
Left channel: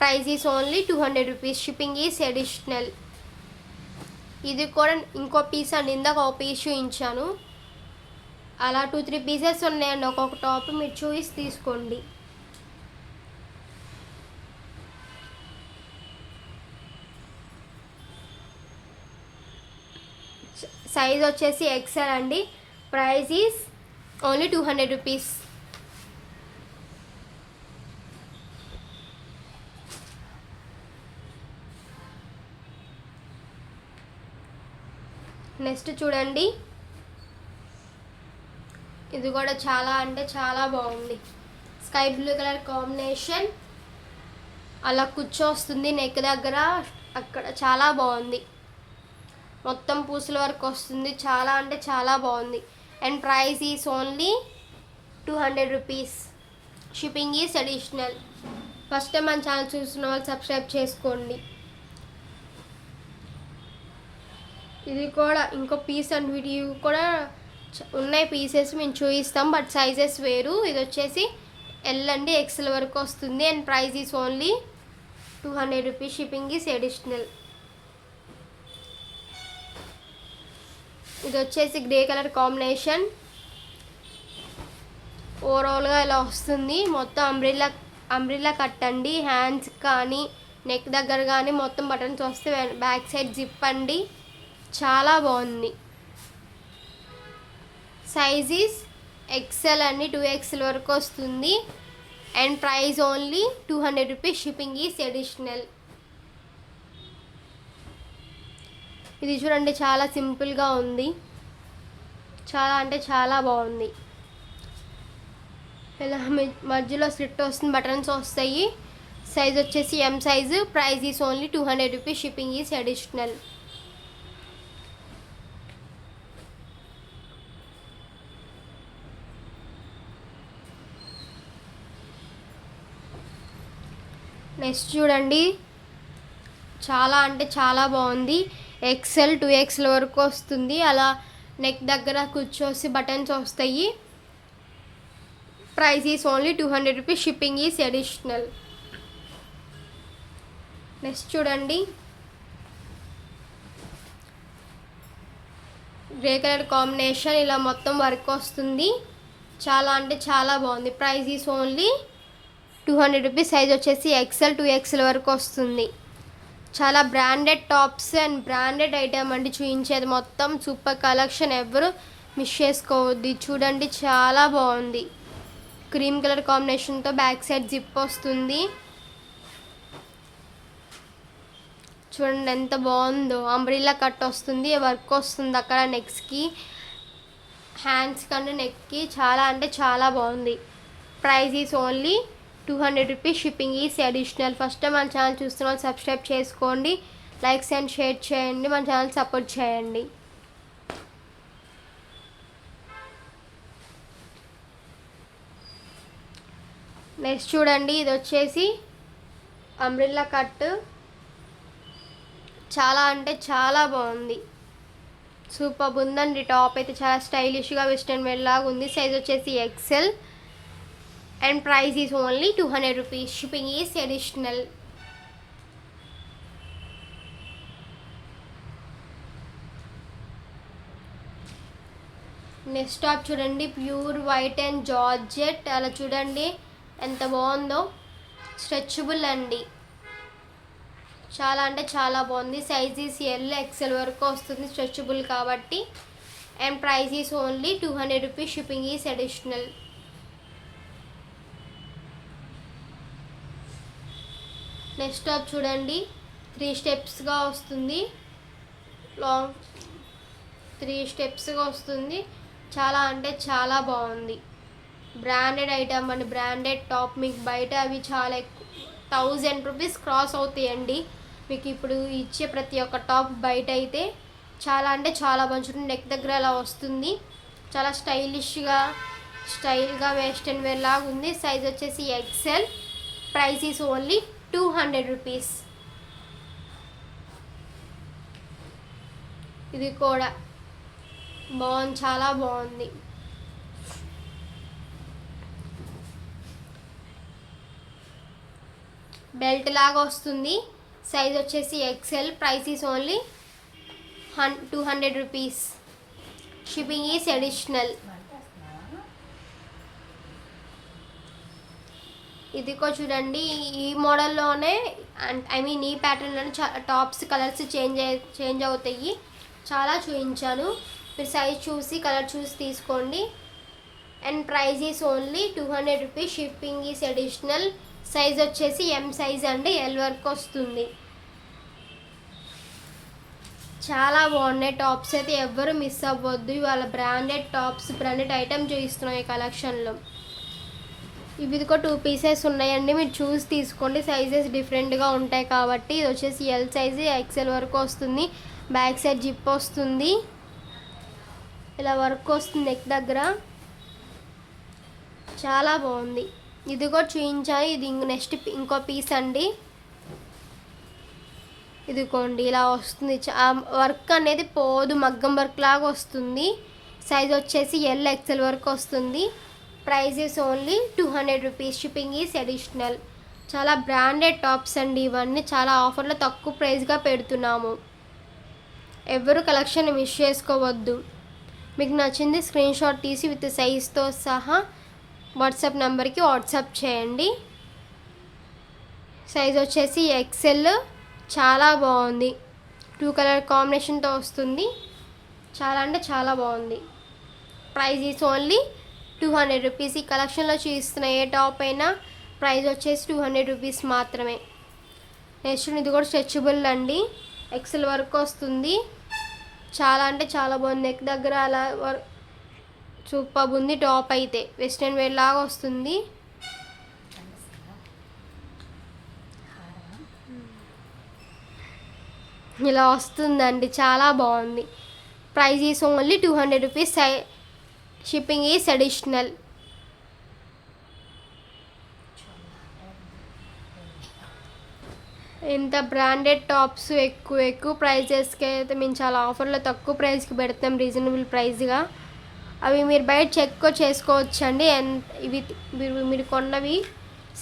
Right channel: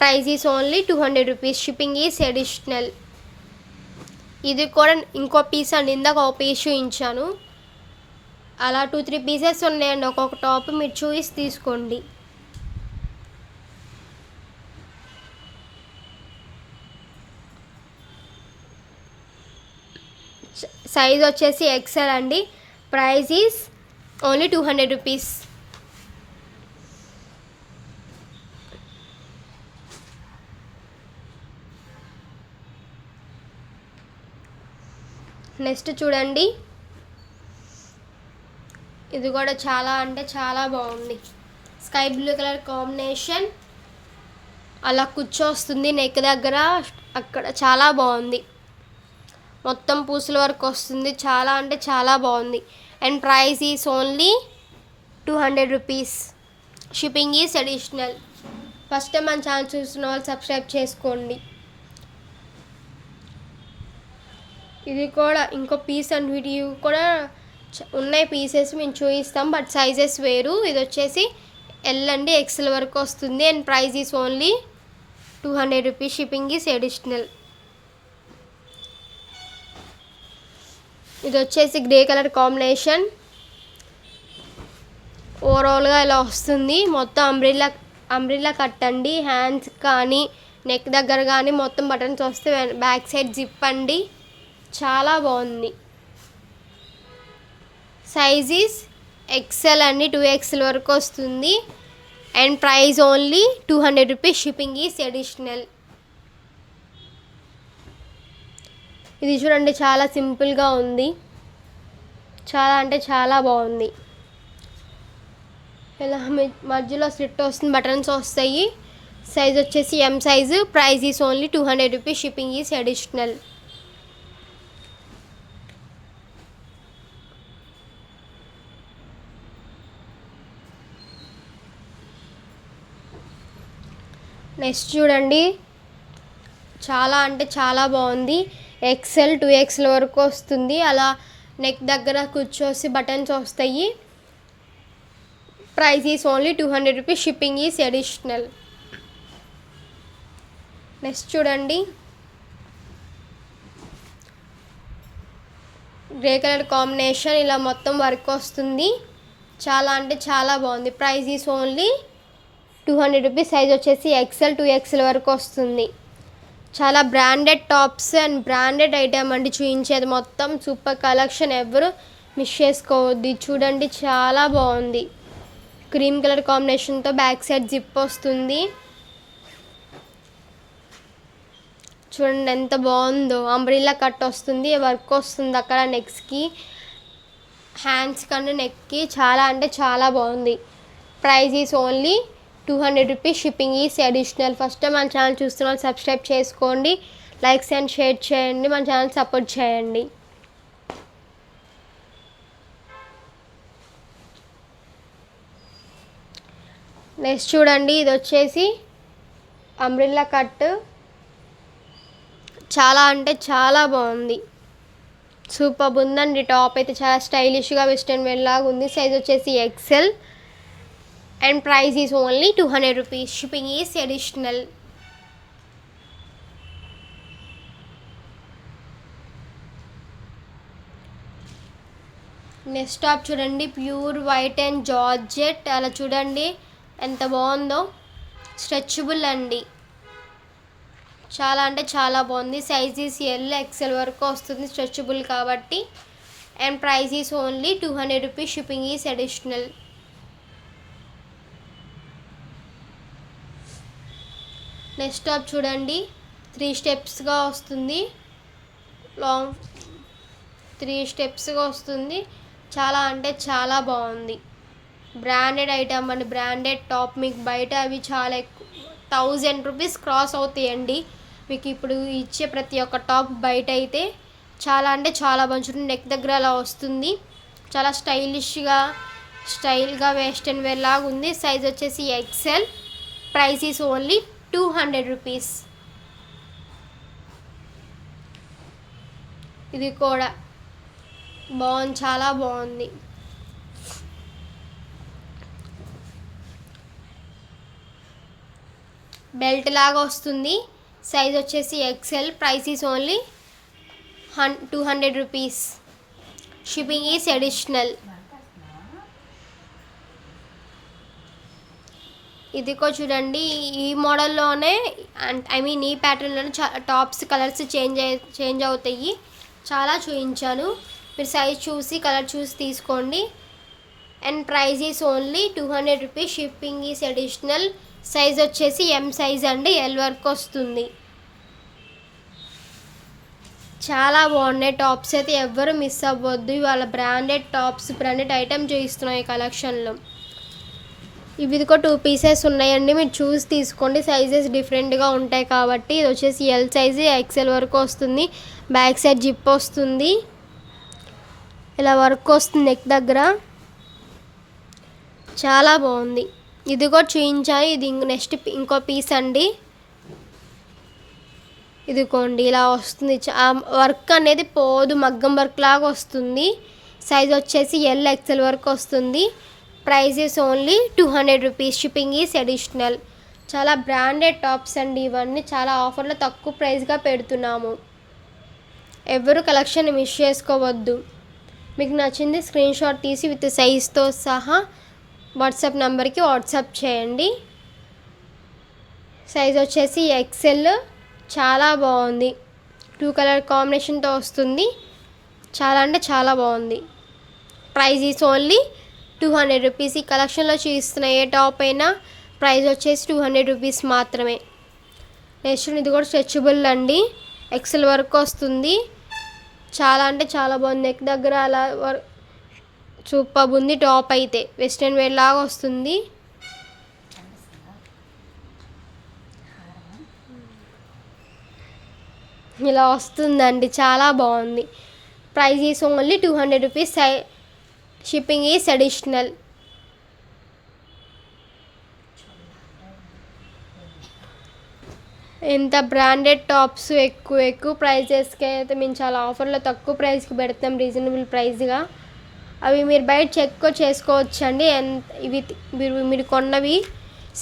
Price is only 200 rupees. Shipping is additional. ఇది కూడా ఇంకో పీస్ అండి, ఇందాక ఒక పీస్ చూపించాను. అలా 2-3 పీసెస్ ఉన్నాయండి ఒక్కొక్క టాప్, మీరు చూసి తీసుకోండి. సైజ్ వచ్చేసి ఎక్సెల్ అండి. Price is only 200 rupees. Next చూడండి, ఇది కూడా చాలా అంటే చాలా బాగుంది. స్కై బ్లూ కలర్ కాంబినేషన్, అలా కూర్చొస్తుంది నెక్ దగ్గర, అక్కడ చాలా బాగుంది. మొత్తం పూసల వరకు వస్తుంది, చాలా అంటే చాలా బాగుంది. And price is only 200 rupees. Shipping is additional. First time మన ఛానల్ చూస్తున్న వాళ్ళు సబ్స్క్రైబ్ చేసుకోండి. ఇది కూడా ఇంకో పీస్ అండ్ వీడియో కూడా ఉన్నాయి పీసెస్, మేము చూపిస్తాం, బట్ సైజెస్ వేరు. ఇది వచ్చేసి ఎల్ అండి, ఎక్సెల్ వరకు వస్తుంది. And price is only 200 rupees. Shipping is additional. ఇది వచ్చేసి గ్రే కలర్ కాంబినేషన్. ఓవరాల్గా ఇలా వస్తుంది, మొత్తం అంబ్రిల్లా కట్ అండి. హ్యాండ్స్ కానీ నెక్ దగ్గర కానీ మొత్తం బటన్స్ వస్తే బ్యాక్ సైడ్ జిప్ అండి. చాలా బాగుంది. సైజ్ ఈస్ ఎక్సెల్ అండి, 2XL వరకు వస్తుంది. And price only 200 rupees. Shipping is additional. ఇది చూడండి, చాలా సింపుల్గా ఉంది, చాలా అంటే చాలా బాగుంది. ఇలా మధ్యలో స్లిట్ వస్తుంది, బటన్స్ వస్తాయి. సైజ్ వచ్చేసి M size. Price is only 200 rupees. Shipping is additional. Next చూడండి, చాలా అంటే చాలా బాగుంది. ఎక్సెల్ 2XL వరకు వస్తుంది, అలా నెక్ దగ్గర కూర్చోసి బటన్స్ వస్తాయి. Price is only 200 rupees. Shipping is additional. Next చూడండి, గ్రే కలర్ కాంబినేషన్, ఇలా మొత్తం వర్క్ వస్తుంది, చాలా అంటే చాలా బాగుంది. Price is only 200 rupees. Size వచ్చేసి ఎక్సెల్ 2XL వరకు వస్తుంది. చాలా branded tops and branded item అండి చూపించేది మొత్తం. సూపర్ కలెక్షన్, ఎవరు మిస్ చేసుకోవద్దు. చూడండి, చాలా బాగుంది. క్రీమ్ కలర్ కాంబినేషన్తో బ్యాక్ సైడ్ జిప్ వస్తుంది. చూడండి ఎంత బాగుందో. అంబ్రిల్లా కట్ వస్తుంది, వర్క్ వస్తుంది అక్కడ నెక్స్కి, హ్యాండ్స్ కంటే నెక్కి. చాలా అంటే చాలా బాగుంది. Price is only 200 rupees. Shipping is additional. First time మన ఛానల్ చూస్తున్న వాళ్ళు సబ్స్క్రైబ్ చేసుకోండి, లైక్స్ అండ్ షేర్ చేయండి, మన ఛానల్ సపోర్ట్ చేయండి. నెక్స్ట్ చూడండి, ఇది వచ్చేసి అంబ్రెల్లా కట్. చాలా అంటే చాలా బాగుంది, సూపర్ ఉందండి. టాప్ అయితే చాలా స్టైలిష్గా వెస్ట్రన్ వేర్ లాగా ఉంది. సైజ్ వచ్చేసి XL and price is only 200 rupees. Shipping is additional. Next top చూడండి, ప్యూర్ వైట్ అండ్ జార్జెట్. అలా చూడండి ఎంత బాగుందో, స్ట్రెచబుల్ అండి. చాలా అంటే చాలా బాగుంది. సైజ్ ఈస్ ఎల్ ఎక్సెల్ వరకు వస్తుంది, స్ట్రెచబుల్ కాబట్టి. And price is only 200 rupees. Shipping is additional. Next top చూడండి, 3 స్టెప్స్గా వస్తుంది, లాంగ్ 3 స్టెప్స్గా వస్తుంది. చాలా అంటే చాలా బాగుంది. బ్రాండెడ్ ఐటమ్ అండి, బ్రాండెడ్ టాప్. మీకు బయట అవి చాలా ఎక్కువ 1000 రూపీస్ క్రాస్ అవుతాయండి. మీకు ఇప్పుడు ఇచ్చే ప్రతి ఒక్క టాప్ బయట అయితే చాలా అంటే చాలా మంచి నెక్ దగ్గర అలా వస్తుంది. చాలా స్టైల్గా వెస్ట్రన్ వేర్ లాగా ఉంది. సైజ్ వచ్చేసి XL. Price is only 200 rupees. ఇది కూడా బాగుంది, చాలా బాగుంది. బెల్ట్ లాగా వస్తుంది. సైజ్ వచ్చేసి XL. Price is only 200 rupees. Shipping is additional. ఇది కూడా చూడండి, ఈ మోడల్లోనే ఈ ప్యాటర్న్లోనే టాప్స్ కలర్స్ చేంజ్ అవుతాయి. చాలా చూపించాను, మీరు సైజ్ చూసి కలర్ చూసి తీసుకోండి. And price is only 200 rupees. Shipping is additional. Size వచ్చేసి ఎం సైజ్ అండి, ఎల్ వరకు వస్తుంది. చాలా బాగున్నాయి టాప్స్ అయితే, ఎవ్వరు మిస్ అవ్వద్దు. ఇవాళ బ్రాండెడ్ టాప్స్, బ్రాండెడ్ ఐటమ్ చూపిస్తున్నాయి ఈ కలెక్షన్లో. ఇవి కూడా 2 పీసెస్ ఉన్నాయండి, మీరు చూసి తీసుకోండి. సైజెస్ డిఫరెంట్గా ఉంటాయి కాబట్టి. ఇది వచ్చేసి ఎల్ సైజు, ఎక్సెల్ వరకు వస్తుంది. బ్యాక్ సైడ్ జిప్ వస్తుంది, ఇలా వర్క్ వస్తుంది నెక్ దగ్గర. చాలా బాగుంది. ఇది కూడా చూపించాను. ఇది నెక్స్ట్ ఇంకో పీస్ అండి. ఇదిగోండి ఇలా వస్తుంది. వర్క్ అనేది పోదు, మగ్గం వర్క్ లాగా వస్తుంది. సైజ్ వచ్చేసి ఎల్ ఎక్సెల్ వరకు వస్తుంది. Price is only 200 rupees. Shipping is additional. చాలా బ్రాండెడ్ టాప్స్ అండి ఇవన్నీ. చాలా ఆఫర్లో తక్కువ ప్రైస్గా పెడుతున్నాము. ఎవరు కలెక్షన్ మిస్ చేసుకోవద్దు. మీకు నచ్చింది స్క్రీన్ షాట్ తీసి విత్ సైజ్తో సహా వాట్సాప్ నెంబర్కి వాట్సాప్ చేయండి. సైజ్ వచ్చేసి ఎక్సెల్. చాలా బాగుంది, 2 కలర్ కాంబినేషన్తో వస్తుంది. చాలా అంటే చాలా బాగుంది. Price is only 200 rupees. ఈ కలెక్షన్లో చూపిస్తున్న ఏ టాప్ అయినా ప్రైస్ వచ్చేసి 200 రూపీస్ మాత్రమే. నెక్స్ట్ ఇది కూడా స్ట్రెచబుల్ అండి, ఎక్సెల్ వరకు వస్తుంది. చాలా అంటే చాలా బాగుంది. నెక్ దగ్గర అలా సూపర్ ఉంది. టాప్ అయితే వెస్ట్రన్ వేర్ లాగా వస్తుంది. ఇలా వస్తుందండి, చాలా బాగుంది. Price is only 200 rupees. Shipping is additional. ఇంత బ్రాండెడ్ టాప్స్ ఎక్కువ ప్రైజెస్కి అయితే మేము చాలా ఆఫర్లో తక్కువ ప్రైస్కి పెడతాం, రీజనబుల్ ప్రైస్గా. అవి మీరు బయట చెక్ చేసుకోవచ్చు అండి. ఇవి మీరు కొన్నవి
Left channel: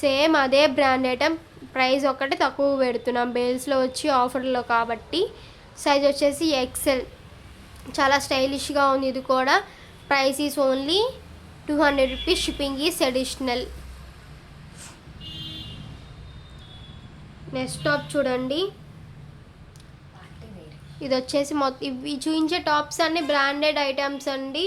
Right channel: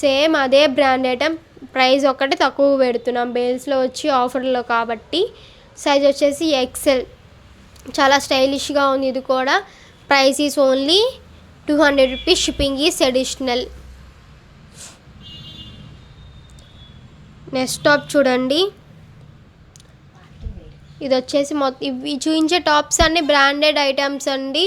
సేమ్ అదే బ్రాండ్ ఐటమ్, ప్రైస్ ఒక్కటే తక్కువ పెడుతున్నాం బేల్స్లో వచ్చి ఆఫర్లో కాబట్టి. సైజ్ వచ్చేసి ఎక్సెల్. చాలా స్టైలిష్గా ఉంది ఇది కూడా. Price is only 200 rupees. Shipping is additional. Next top చూడండి, ఇది వచ్చేసి ఇవి చూపించే టాప్స్ అన్ని బ్రాండెడ్ ఐటమ్స్ అండి.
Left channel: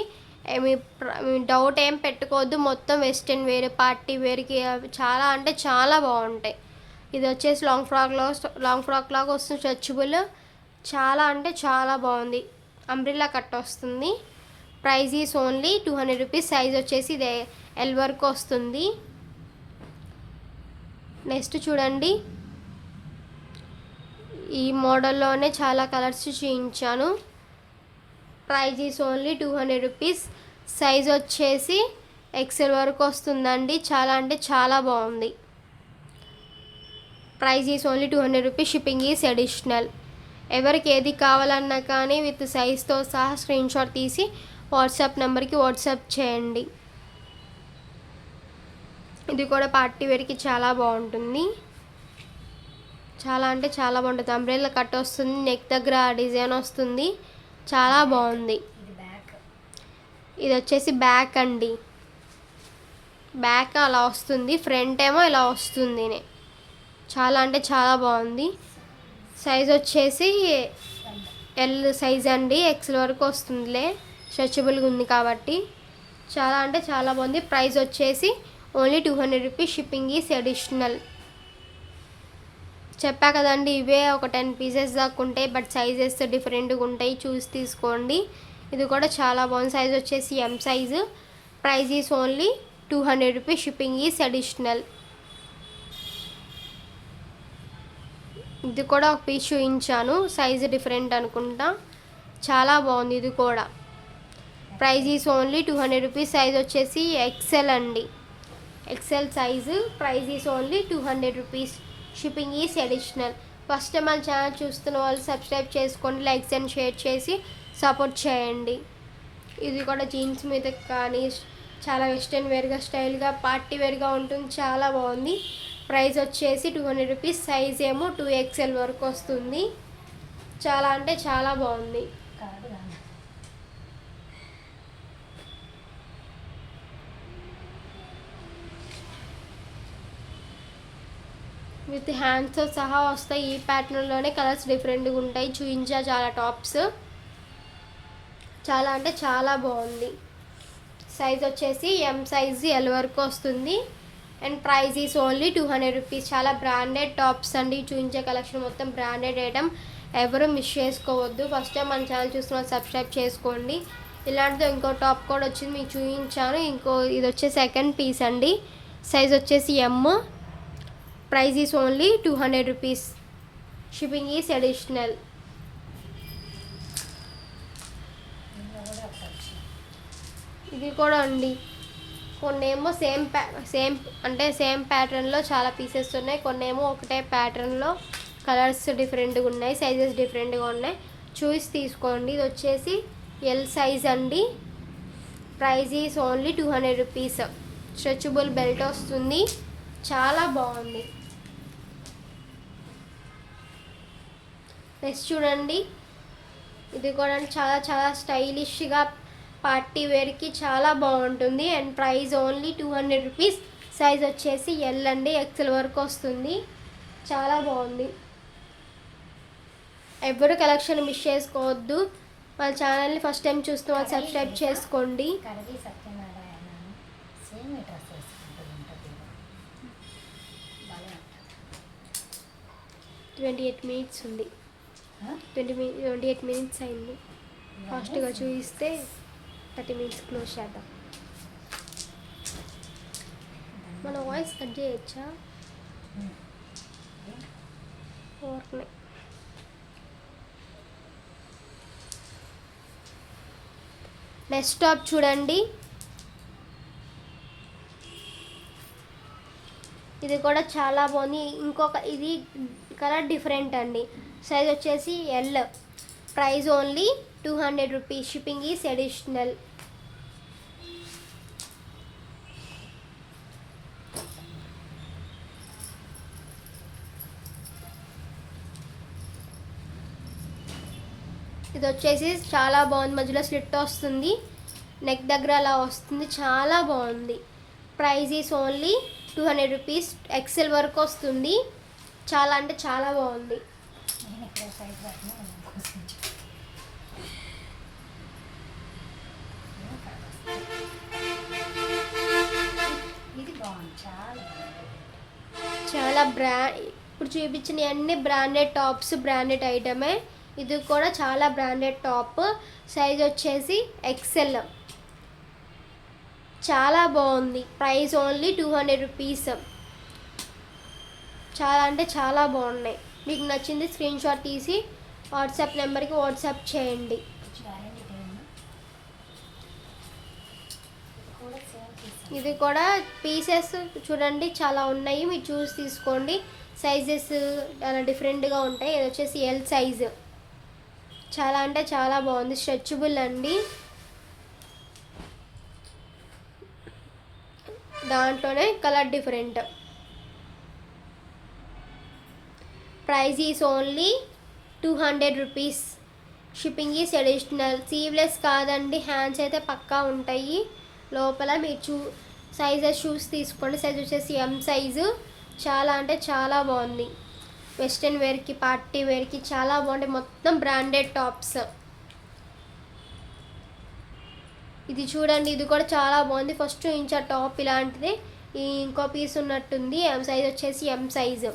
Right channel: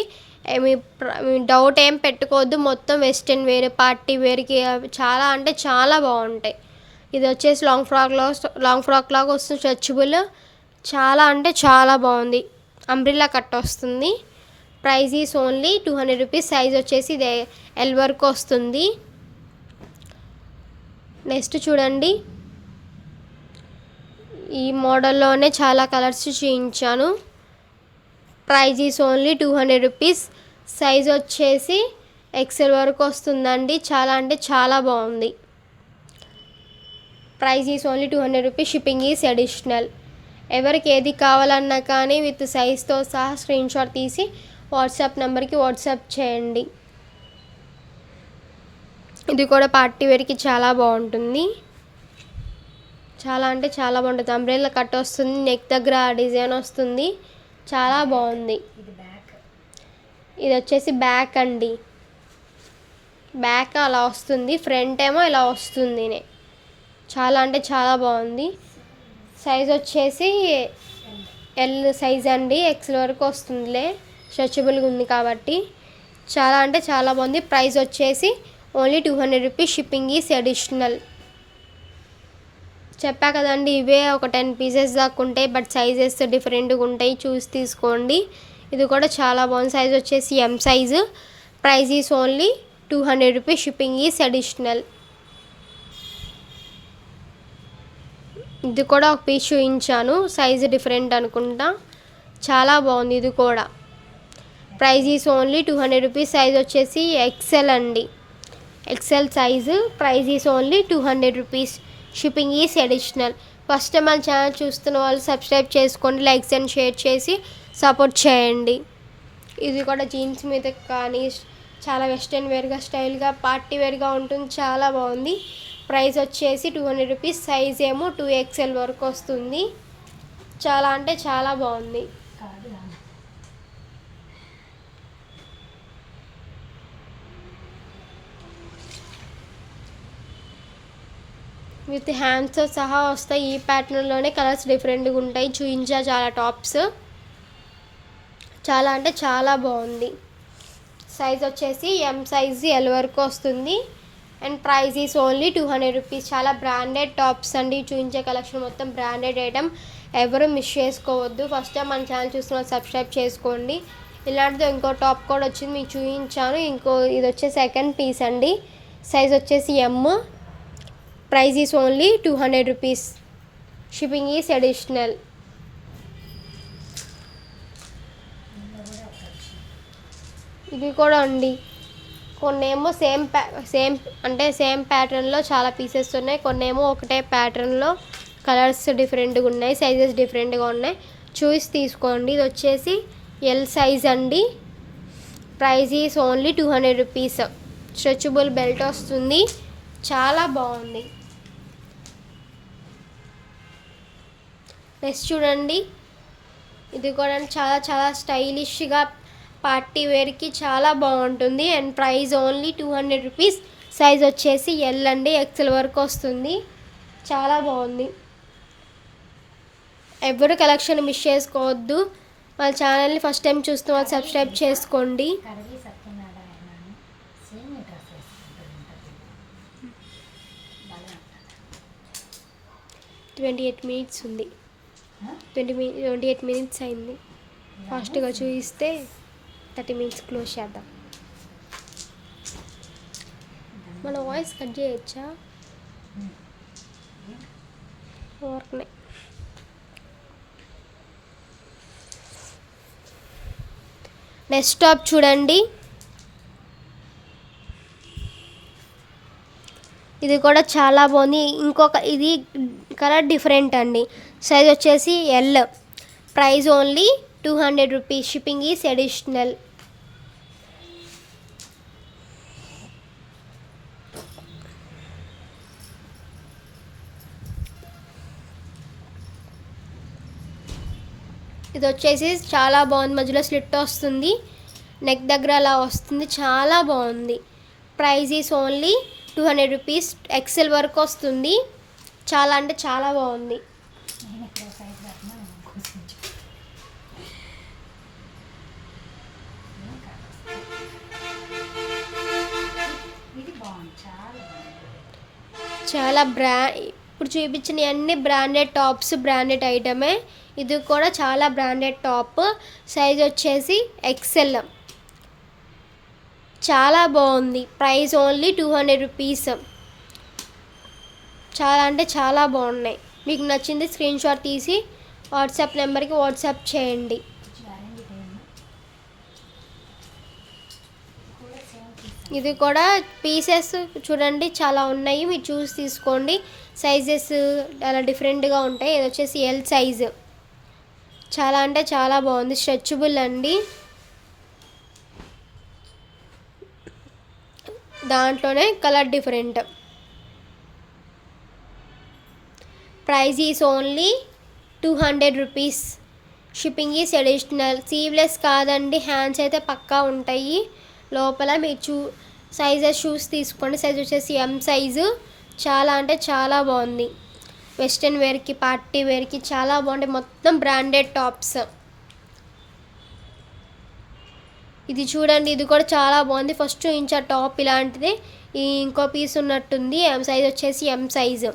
మీ డౌట్ ఏం పెట్టుకోవద్దు, మొత్తం వెస్ట్రన్ వేర్, పార్టీ వేర్కి చాలా అంటే చాలా బాగుంటాయి. ఇది వచ్చేసి లాంగ్ ఫ్రాక్ లాగా వస్తుంది, స్ట్రెచబుల్. చాలా అంటే చాలా బాగుంది. అంబ్రిల్లా కట్ వస్తుంది. Price is only 200 rupees. Size వచ్చేసి ఇది ఎల్ వరకు వస్తుంది. నెక్స్ట్ చూడండి, ఈ మోడల్లోనే చాలా కలర్స్ చూపించాను. Price is only 200 rupees. Size వచ్చేసి ఎక్సెల్ వరకు వస్తుందండి. చాలా అంటే చాలా బాగుంది. Price is only 200 rupees. Shipping is additional. ఎవరికి ఏది కావాలన్నా కానీ విత్ సైజ్తో సహా స్క్రీన్ షాట్ తీసి వాట్సాప్ నెంబర్కి వాట్సాప్ చేయండి. ఇది కూడా పార్టీ వేర్కి చాలా బాగుంటుంది. చాలా అంటే చాలా బాగుంటుంది. అంబ్రెల్లా కట్ వస్తుంది, నెక్ దగ్గర డిజైన్ వస్తుంది, చాలా బాగుంది. ఇది వచ్చేసి బ్యాక్ అండి. బ్యాక్ అలా వస్తుంది, ఫ్రంట్ ఏమో ఇలా వస్తుంది. చాలా అంటే చాలా బాగుంది. సైజ్ వచ్చేసి ఎల్ సైజ్ అండి. ఎక్సెల్ వరకు వస్తుందిలే, స్ట్రెచబుల్గా ఉంది కాబట్టి. చాలా అంటే చాలా బాగుంది. ప్రైస్ వచ్చేసి only 200 rupees. Shipping is additional. చెప్పా కదండి, ఇవే ఒక 10 పీసెస్ దాకా ఉంటాయి, బట్ సైజెస్ డిఫరెంట్గా ఉంటాయి, చూసి తీసుకోండి. ఇది కూడా చాలా బాగుంది. సైజ్ వచ్చేసి M size. Price is only 200 rupees. Shipping is additional. ఇది కూడా ఒక పీస్ చూపించాను, సైజు డిఫరెంట్ అనుకుంటా. చాలా బాగుంది ఇది కూడా. Price is only 200 rupees. Size వచ్చేసి ఎక్సెల్ అండి. XL size. Price is only 200 rupees. Shipping is additional. First time మన ఛానల్ చూస్తున్న వాళ్ళు సబ్స్క్రైబ్ చేసుకోండి, లైక్స్ అండ్ షేర్ చేసి సపోర్ట్ చేయండి. ఇది కూడా జీన్స్ మీద కానీ చాలా వెస్ట్రన్ వేర్గా, స్టైల్గా, పార్టీ వేర్గా ఉంటుంది. చాలా బాగుంది. ప్రైస్ వచ్చేసి 200 రూపీస్. సైజ్ ఏమో 2XL వరకు వస్తుంది. చాలా అంటే చాలా బాగుంది. విత్ హ్యాండ్స్తో సహా వస్తాయి. ఈ ప్యాటర్న్లోనే కలర్స్ డిఫరెంట్గా ఉంటాయి. చూయించా చాలా టాప్స్. చాలా అంటే చాలా బాగుంది. సైజ్ వచ్చేసి ఎం సైజు ఎల్ వరకు వస్తుంది. And price is only 200 rupees. చాలా బ్రాండెడ్ టాప్స్ అండి. చూపించే కలెక్షన్ మొత్తం బ్రాండెడ్ ఐటమ్. ఎవరు మిస్ చేసుకోవద్దు. ఫస్ట్ టైం మన ఛానల్ చూస్తున్న సబ్స్క్రైబ్ చేసుకోండి. ఇలాంటిది ఇంకో టాప్ కూడా వచ్చింది, మీకు చూపించాను. ఇది వచ్చే సెకండ్ పీస్ అండి. సైజ్ వచ్చేసి M. Price is only 200 rupees. Shipping is additional. ఇది కూడా అండి. కొన్నేమో సేమ్ ప్యాటర్న్లో చాలా పీసెస్ ఉన్నాయి. కొన్నేమో ఒకటే ప్యాటర్న్లో కలర్స్ డిఫరెంట్గా ఉన్నాయి, సైజెస్ డిఫరెంట్గా ఉన్నాయి. చూసి తీసుకోండి. ఇది వచ్చేసి ఎల్ సైజ్ అండి. Price is only 200 rupees. Stretchable belt వస్తుంది. చాలా బాగుంది. నెక్స్ట్ చూడండి. ఇది కూడా చాలా చాలా స్టైలిష్గా పార్టీ వేర్కి చాలా బాగుంటుంది. And price only 200 rupees. Size వచ్చేసి ఎల్ అండి. ఎక్సెల్ వరకు వస్తుంది. చాలా బాగుంది. ఎవరు కలెక్షన్ మిస్ చేసుకోవద్దు. వాళ్ళ ఛానల్ని ఫస్ట్ టైం చూస్తున్న వాళ్ళు సబ్స్క్రైబ్ చేసుకోండి. 28 మినిట్స్ ఉంది. 28 మినిట్స్ అయింది. ఫాస్ట్గా చూపిస్తే 30 మినిట్స్ క్లోజ్ చేద్దాం. మన వాయిస్ కట్ చేయొచ్చా? ఓకే. నెక్స్ట్ టాప్ చూడండి. ఇది కూడా చాలా బాగుంది. ఇది కలర్ డిఫరెంట్ అండి. సైజ్ వచ్చేసి L. Price only 200 rupees. Shipping is additional. ఇది వచ్చేసి చాలా బాగుంది. మధ్యలో స్లిట్ వస్తుంది, నెక్ దగ్గర అలా వస్తుంది. చాలా బాగుంది. Price is only 200 rupees. XL వరకు వస్తుంది. చాలా అంటే చాలా బాగుంది. చాలా ఇప్పుడు చూపించిన అన్ని బ్రాండెడ్ టాప్స్, బ్రాండెడ్ ఐటమే. ఇది కూడా చాలా బ్రాండెడ్ టాప్. సైజ్ వచ్చేసి ఎక్సెల్. చాలా బాగుంది. Price only 200 rupees. చాలా అంటే చాలా బాగున్నాయి. మీకు నచ్చింది స్క్రీన్ షాట్ తీసి వాట్సాప్ నెంబర్కి వాట్సాప్ చేయండి. ఇది కూడా పీసెస్ చూడండి చాలా ఉన్నాయి, మీరు చూసి తీసుకోండి. సైజెస్ అలా డిఫరెంట్గా ఉంటాయి. ఇది వచ్చేసి ఎల్ సైజు, చాలా అంటే చాలా బాగుంది, స్ట్రెచబుల్ అండి. దాంట్లోనే colour different. Price is only 200 rupees. Shipping is additional. సీవ్లెస్ కాదండి, హ్యాండ్స్ అయితే పక్కా ఉంటాయి. లోపల మీరు సైజెస్ చూసి తీసుకోండి. సైజ్ వచ్చేసి ఎం సైజు, చాలా అంటే చాలా బాగుంది. వెస్ట్రన్ వేర్కి, పార్టీ వేర్కి చాలా బాగుంటాయి. మొత్తం బ్రాండెడ్ టాప్స్. ఇది చూడండి, ఇది కూడా చాలా బాగుంది. ఫస్ట్ చూపించే టాప్ ఇలాంటిది, ఈ ఇంకో పీస్ ఉన్నట్టుంది. ఎం సైజ్ వచ్చేసి M size.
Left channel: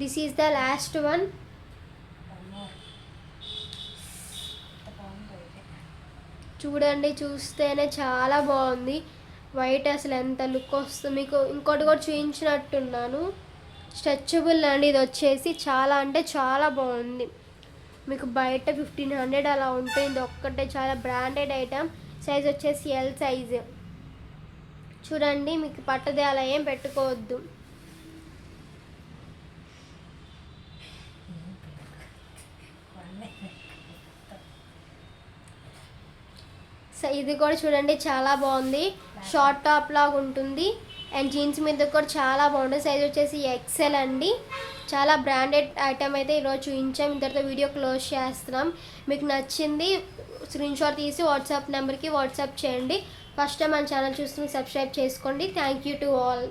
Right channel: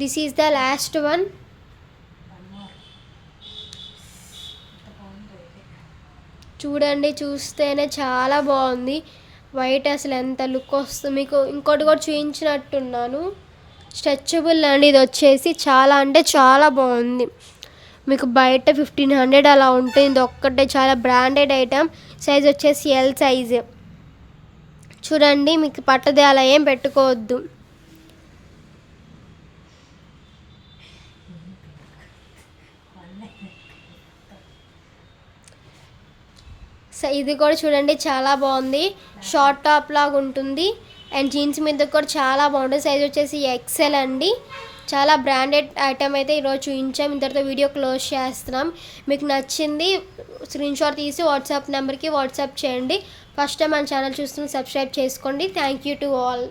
This is the last one. చూడండి, చూస్తేనే చాలా బాగుంది. వైట్ అసలు ఎంత లుక్ వస్తుంది. మీకు ఇంకోటి కూడా చూపించినట్టున్నాను, స్ట్రెచబుల్ అండి. ఇది వచ్చేసి చాలా అంటే చాలా బాగుంది. మీకు బయట 1500 అలా ఉంటుంది. ఇది ఒక్కటే చాలా బ్రాండెడ్ ఐటమ్. సైజ్ వచ్చేసి ఎల్ సైజు. చూడండి, మీకు పట్టదే అలా ఏం పెట్టుకోవద్దు. ఇది కూడా చూడండి చాలా బాగుంది. షార్ట్ టాప్ లాగా ఉంటుంది అండ్ జీన్స్ మీద కూడా చాలా బాగుంటుంది. సైజ్ వచ్చేసి ఎక్సెల్ అండి. చాలా బ్రాండెడ్ ఐటమ్ అయితే ఈరోజు చూపించాం. ఇంతటితో వీడియో క్లోజ్ చేస్తున్నాం. మీకు నచ్చింది స్క్రీన్ షాట్ తీసి వాట్సాప్ నెంబర్కి వాట్సాప్ చేయండి. ఫస్ట్ టైం మన ఛానల్ చూస్తున్న సబ్స్క్రైబ్ చేసుకోండి. Thank you to all.